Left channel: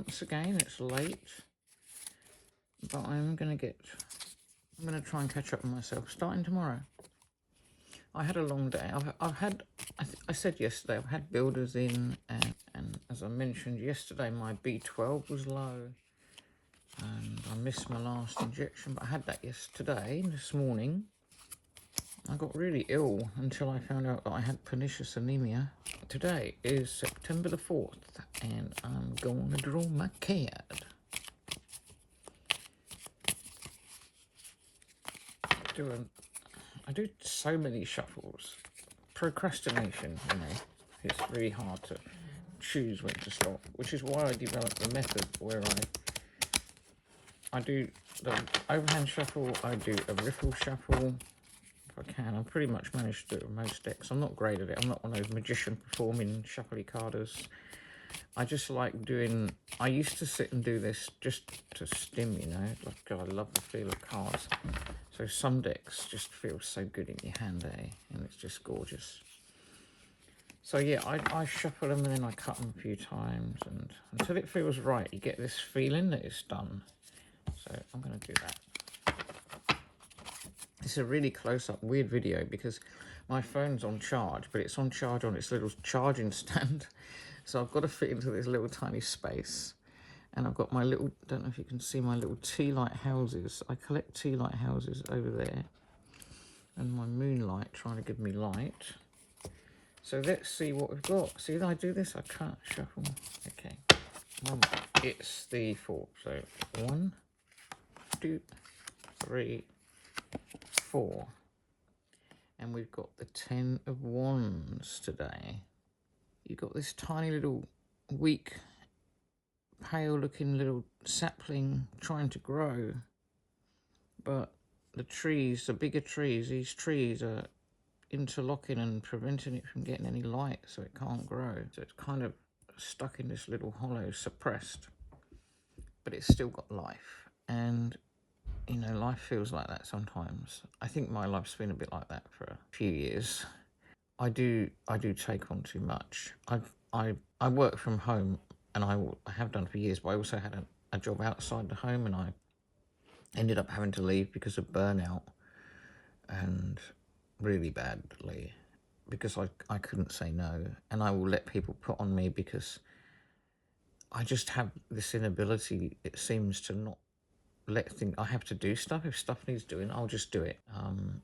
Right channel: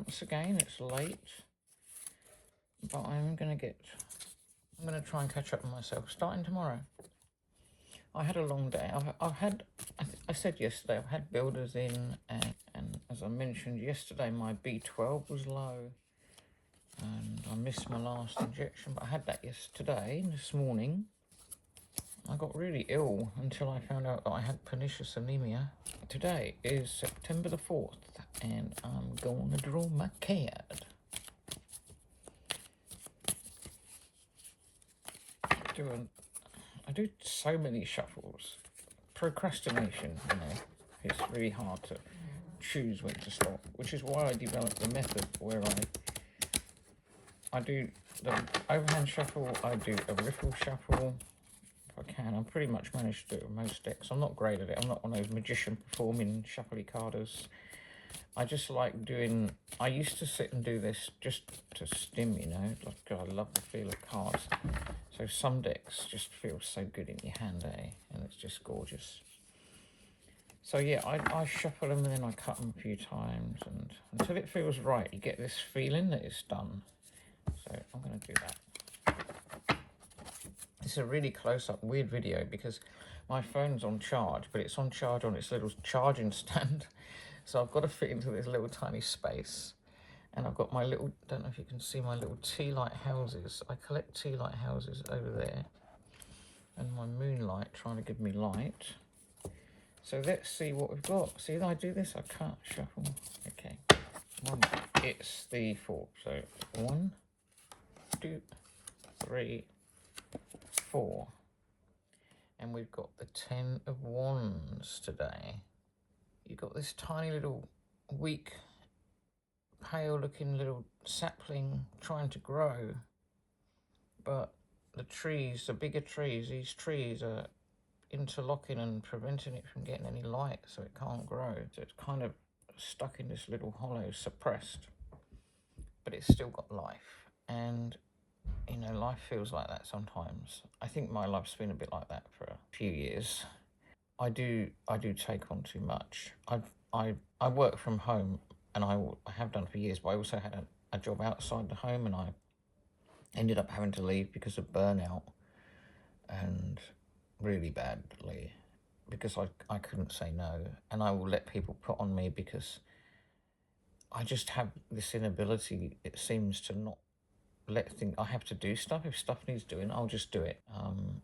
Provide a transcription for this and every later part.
once again. It's late, but I'm going to try and catch up with myself starting tomorrow. I had a long day. I said yesterday, I've had builders in, and as I mentioned yesterday, my B12 was low, and I missed my last injection, but I had that this morning. I got really ill until I found out that I had pernicious anemia. Today is September the 4th, and I'm going to draw my card. I do so many shuffles. Procrastination, it's really hard to choose when to stop, which is why I developed the method where I do the overhand shuffle, I do a riffle shuffle if I can. I pretty much managed to do it with most decks. I'm not great at it. I'm not one of those magician performing shuffly carders. I just like doing, I used to sit and do this just to stim, like I love the feel of cards. So some decks just feel so good in your hand, and it's just gorgeous. So yeah, I shuffle them and then I cut them a few times, and until it feels right, you get this feeling that it's done. So I'm going to do that. This is a really close-up, weird video because my phone's on charge, but it's on charge on its little charging stand. So I've got to fit into this little tiny space. And I've got my little, don't know if you can see my little tea light houses. I collect tea light houses over there. And my moonlight trying to give me light. So let's see what we've got. See, if I do this, I can't shuffle. Okay. It's the 4. So 1, 2, 3, 4. And we've got the 10 of Wands today. You've got this tiny little weak, pale looking little sapling trying to grow, but the bigger trees, these trees are interlocking and preventing it from getting any light, so it can't grow. So it's kind of stuck in this little hollow, suppressed, but it's still got life. And life feels like that sometimes. I think my life's been a bit like that for a few years. I do take on too much. I work from home, and I have done for years, but I also had a job outside the home, and I ended up having to leave because of burnout, and really badly, because I couldn't say no, and I will let people put on me because I just have this inability, it seems, to not I have to do stuff. If stuff needs doing, I'll just do it.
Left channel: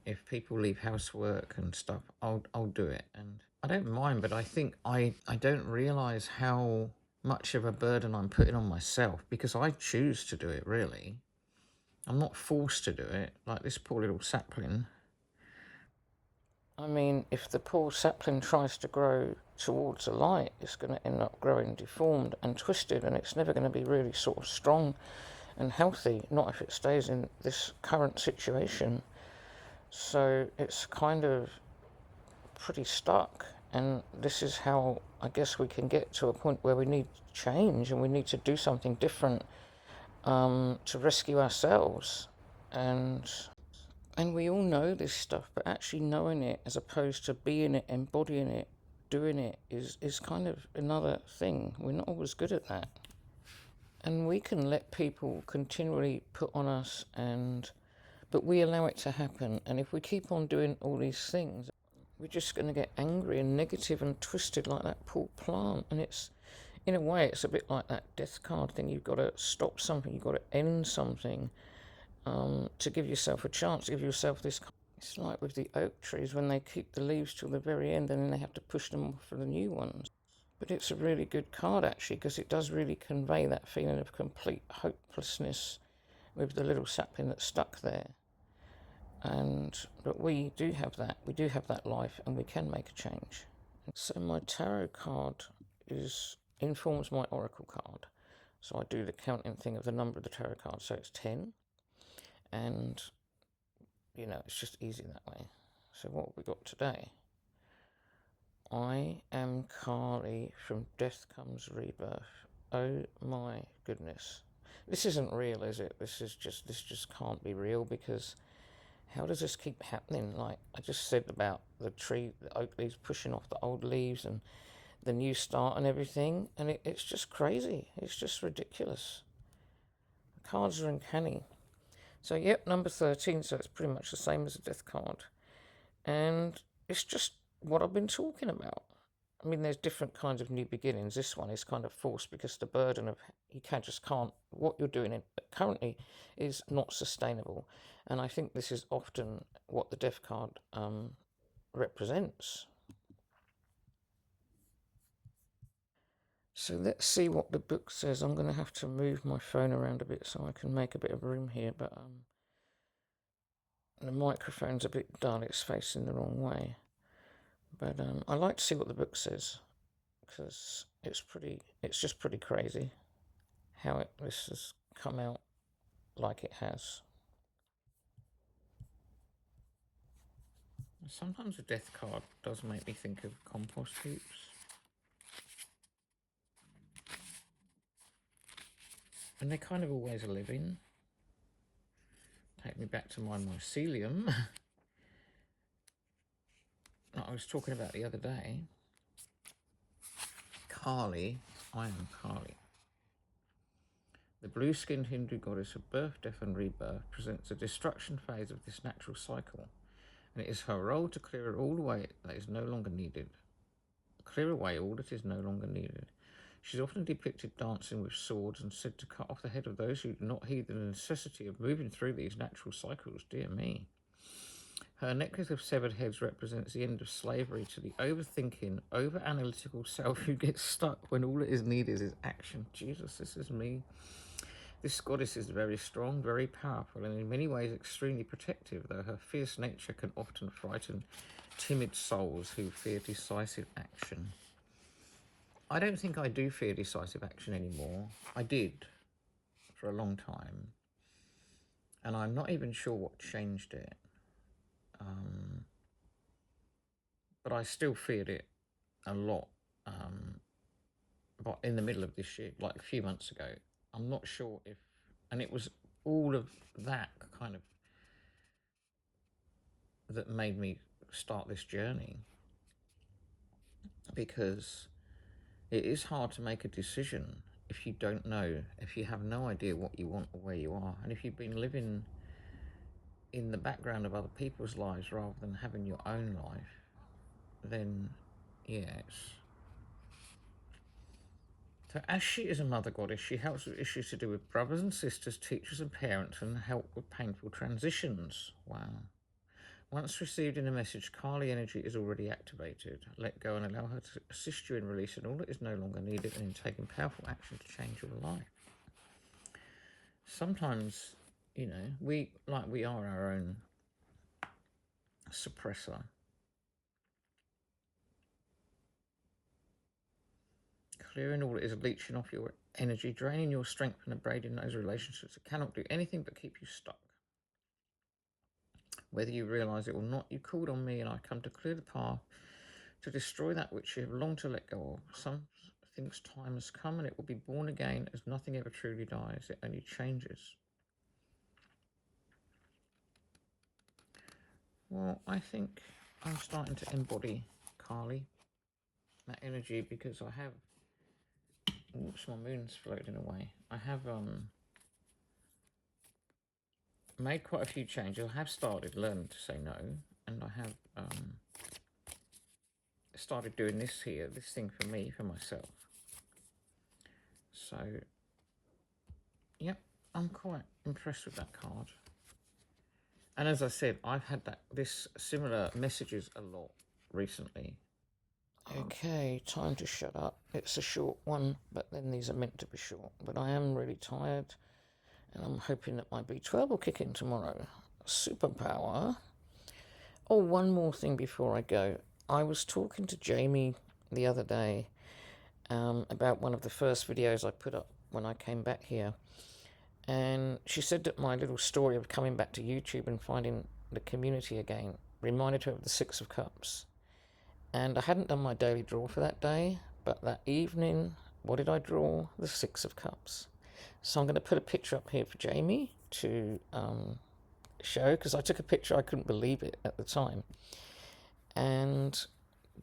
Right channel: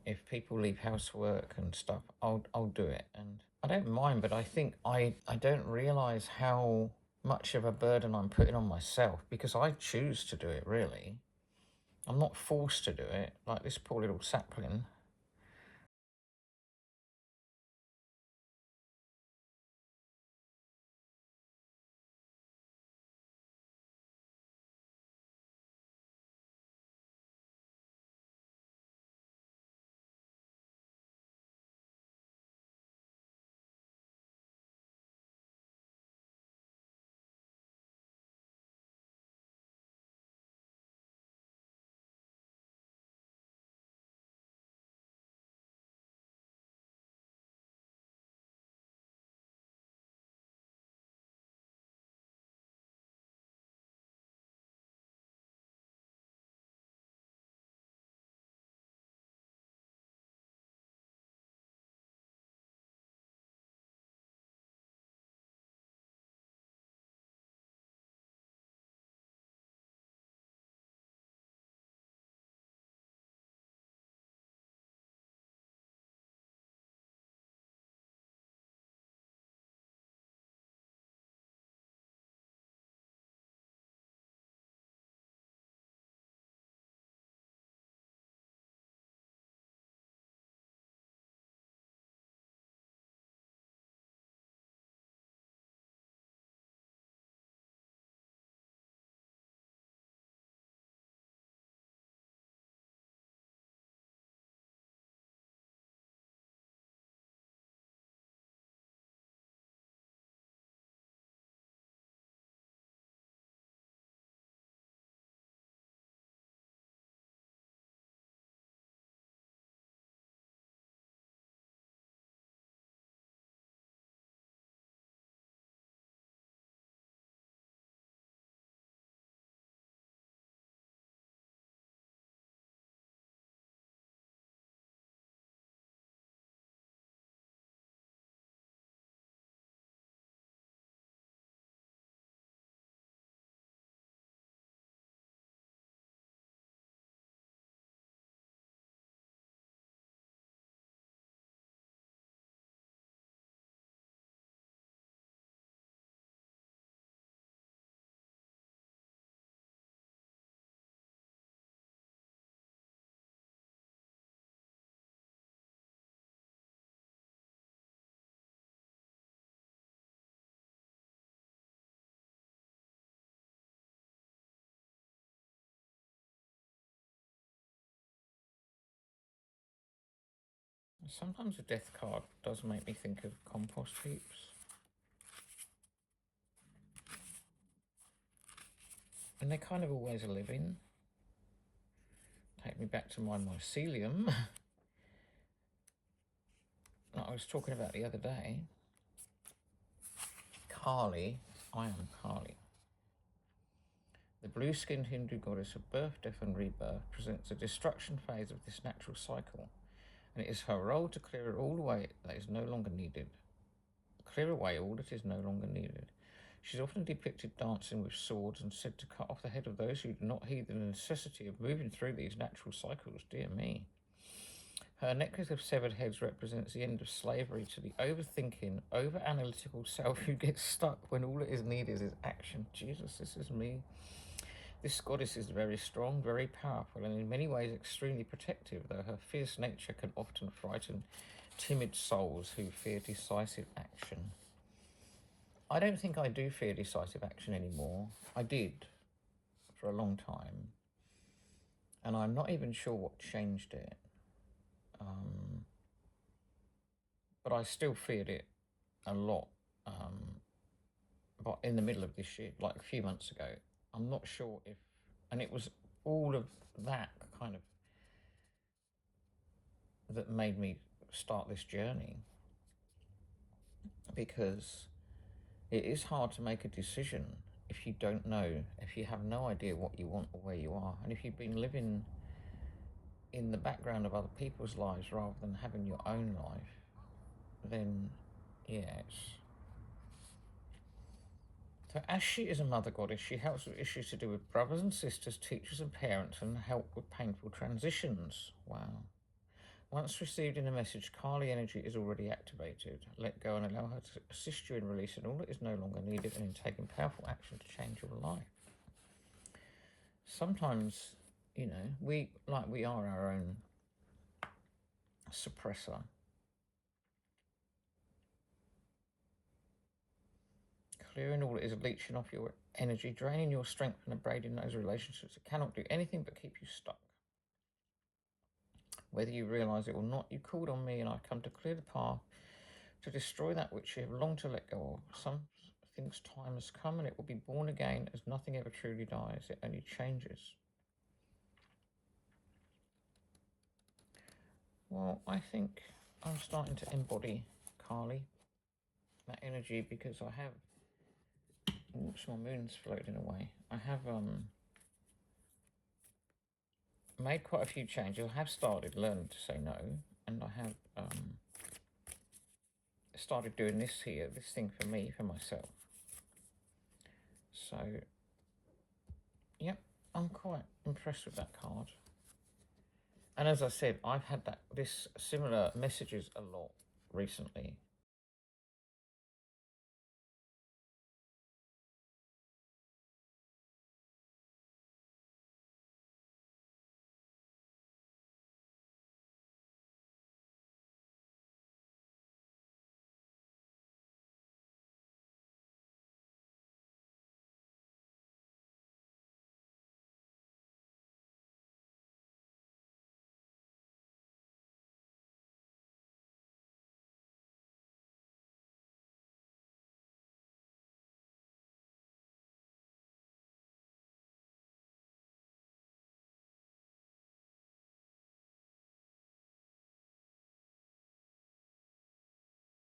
If people leave housework and stuff, I'll do it, and I don't mind. But I think I don't realise how much of a burden I'm putting on myself because I choose to do it. Really, I'm not forced to do it. Like this poor little sapling. I mean, if the poor sapling tries to grow towards the light, it's going to end up growing deformed and twisted, and it's never going to be really sort of strong and healthy, not if it stays in this current situation. So it's kind of pretty stuck, and this is how I guess we can get to a point where we need change and we need to do something different to rescue ourselves. And we all know this stuff, but actually knowing it as opposed to being it, embodying it, doing it is kind of another thing. We're not always good at that. And we can let people continually put on us, but we allow it to happen. And if we keep on doing all these things, we're just going to get angry and negative and twisted like that poor plant. And it's, in a way, it's a bit like that death card thing. You've got to stop something, you've got to end something to give yourself a chance, to give yourself this. It's like with the oak trees when they keep the leaves till the very end and then they have to push them off for the new ones. But it's a really good card, actually, because it does really convey that feeling of complete hopelessness with the little sapling that's stuck there. But we do have that. We do have that life, and we can make a change. So my tarot card informs my oracle card. So I do the counting thing of the number of the tarot card. So it's 10. And, it's just easy that way. So what have we got today? I am Carly from Death Comes Rebirth. Oh my goodness. This isn't real, is it? This just can't be real, because how does this keep happening? Like I just said about the tree, the oak leaves pushing off the old leaves, and the new start and everything, and it's just crazy. It's just ridiculous. The cards are uncanny. So, yep, number 13, so it's pretty much the same as a death card. And it's just what I've been talking about. I mean, there's different kinds of new beginnings. This one is kind of forced because the burden of what you're doing currently is not sustainable. And I think this is often what the death card represents. So let's see what the book says. I'm going to have to move my phone around a bit so I can make a bit of room here, but the microphone's a bit dull, it's facing the wrong way. But I like to see what the book says, because it's just pretty crazy how this has come out like it has. Sometimes a death card does make me think of compost heaps. And they're kind of always living. Take me back to my mycelium that I was talking about the other day. Kali, I am Kali. The blue-skinned Hindu goddess of birth, death and rebirth presents a destruction phase of this natural cycle, and it is her role to clear all away that is no longer needed. Clear away all that is no longer needed. She's often depicted dancing with swords and said to cut off the head of those who do not heed the necessity of moving through these natural cycles. Dear me. Her necklace of severed heads represents the end of slavery to the overthinking, over-analytical self who gets stuck when all that is needed is action. Jesus, this is me. This goddess is very strong, very powerful, and in many ways extremely protective, though her fierce nature can often frighten timid souls who fear decisive action. I don't think I do fear decisive action anymore. I did for a long time, and I'm not even sure what changed it. But I still feared it a lot. But in the middle of this year, like a few months ago, I'm not sure if, and it was all of that kind of that made me start this journey, because it is hard to make a decision if you don't know, if you have no idea what you want or where you are, and if you've been living in the background of other people's lives rather than having your own life, then yes. So as she is a mother goddess, she helps with issues to do with brothers and sisters, teachers and parents, and help with painful transitions. Wow. Once received in a message, Kali energy is already activated. Let go and allow her to assist you in releasing all that is no longer needed and in taking powerful action to change your life. Sometimes, you know, we are our own suppressor. Clearing all that is leeching off your energy, draining your strength and abrading those relationships that cannot do anything but keep you stuck. Whether you realise it or not, you called on me and I come to clear the path to destroy that which you have longed to let go of. Some things time has come and it will be born again, as nothing ever truly dies, it only changes. Well, I think I'm starting to embody Kali, that energy, because I have, oops, my moon's floating away. I have made quite a few changes. I have started learning to say no, and I have started doing this thing for me, for myself. So, yep, I'm quite impressed with that card. And as I said, I've had this similar messages a lot recently. Okay, time to shut up. It's a short one, but then these are meant to be short. But I am really tired, and I'm hoping that my B12 will kick in tomorrow. Superpower. Oh, one more thing before I go. I was talking to Jamie the other day about one of the first videos I put up when I came back here. And she said that my little story of coming back to YouTube and finding the community again reminded her of the Six of Cups. And I hadn't done my daily draw for that day, but that evening, what did I draw? The Six of Cups. So I'm going to put a picture up here for Jamie to show, because I took a picture, I couldn't believe it at the time. And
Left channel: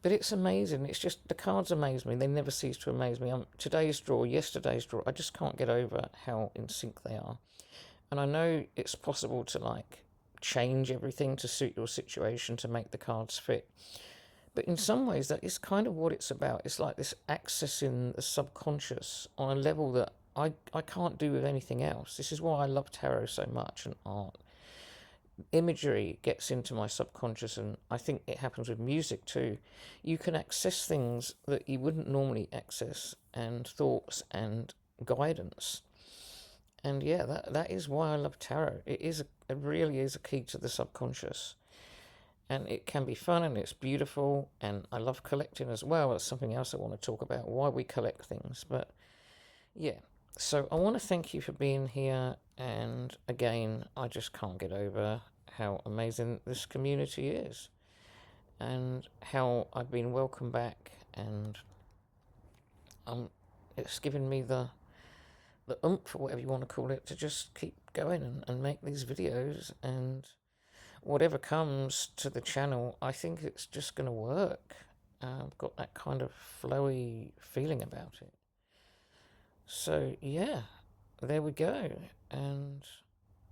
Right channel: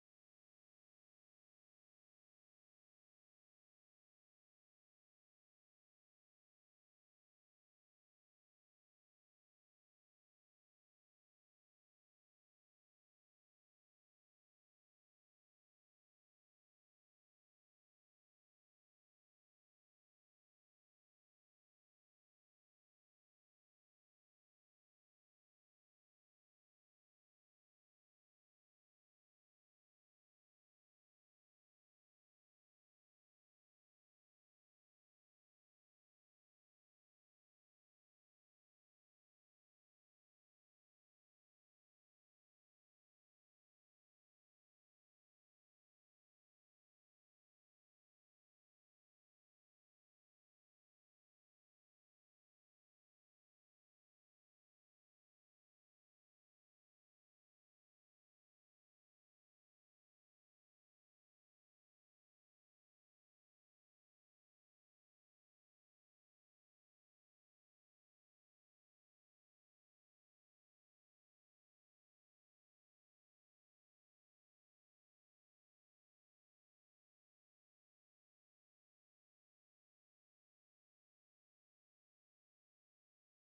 But it's amazing. It's just the cards amaze me. They never cease to amaze me. Today's draw, yesterday's draw. I just can't get over how in sync they are. And I know it's possible to like change everything to suit your situation to make the cards fit. But in some ways, that is kind of what it's about. It's like this accessing the subconscious on a level that I can't do with anything else. This is why I love tarot so much and art. Imagery gets into my subconscious, and I think it happens with music too. You can access things that you wouldn't normally access, and thoughts and guidance. And yeah, that is why I love tarot. It really is a key to the subconscious. And it can be fun and it's beautiful, and I love collecting as well. That's something else I want to talk about, why we collect things. But yeah, so I want to thank you for being here, and again, I just can't get over how amazing this community is and how I've been welcomed back, and it's given me the oomph, or whatever you want to call it, to just keep going and make these videos, and whatever comes to the channel, I think it's just going to work. I've got that kind of flowy feeling about it. So yeah, there we go. And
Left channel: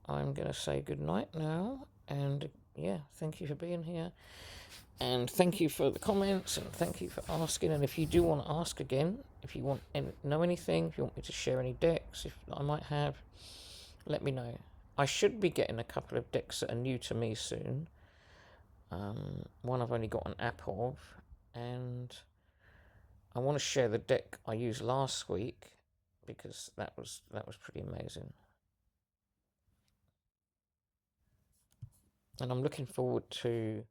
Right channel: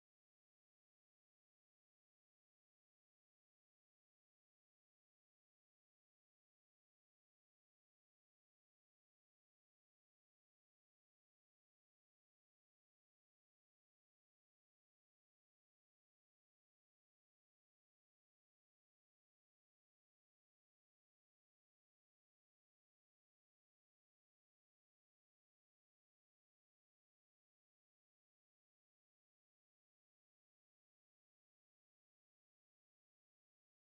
I'm going to say good night now. And yeah, thank you for being here. And thank you for the comments, and thank you for asking. And if you do want to ask again, if you want to know anything, if you want me to share any decks if I might have, let me know. I should be getting a couple of decks that are new to me soon. One I've only got an app of, and I want to share the deck I used last week because that was pretty amazing. And I'm looking forward to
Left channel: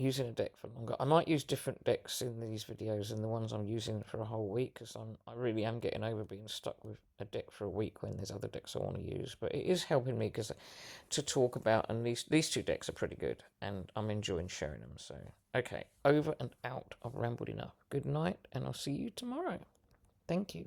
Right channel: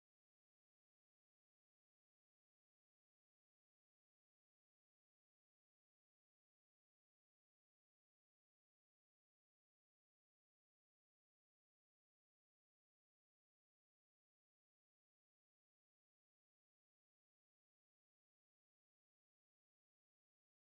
using a deck for longer. I might use different decks in these videos than the ones I'm using for a whole week, because I really am getting over being stuck with a deck for a week when there's other decks I want to use. But it is helping me because to talk about, and these two decks are pretty good, and I'm enjoying sharing them. So okay, over and out. I've rambled enough. Good night, and I'll see you tomorrow. Thank you.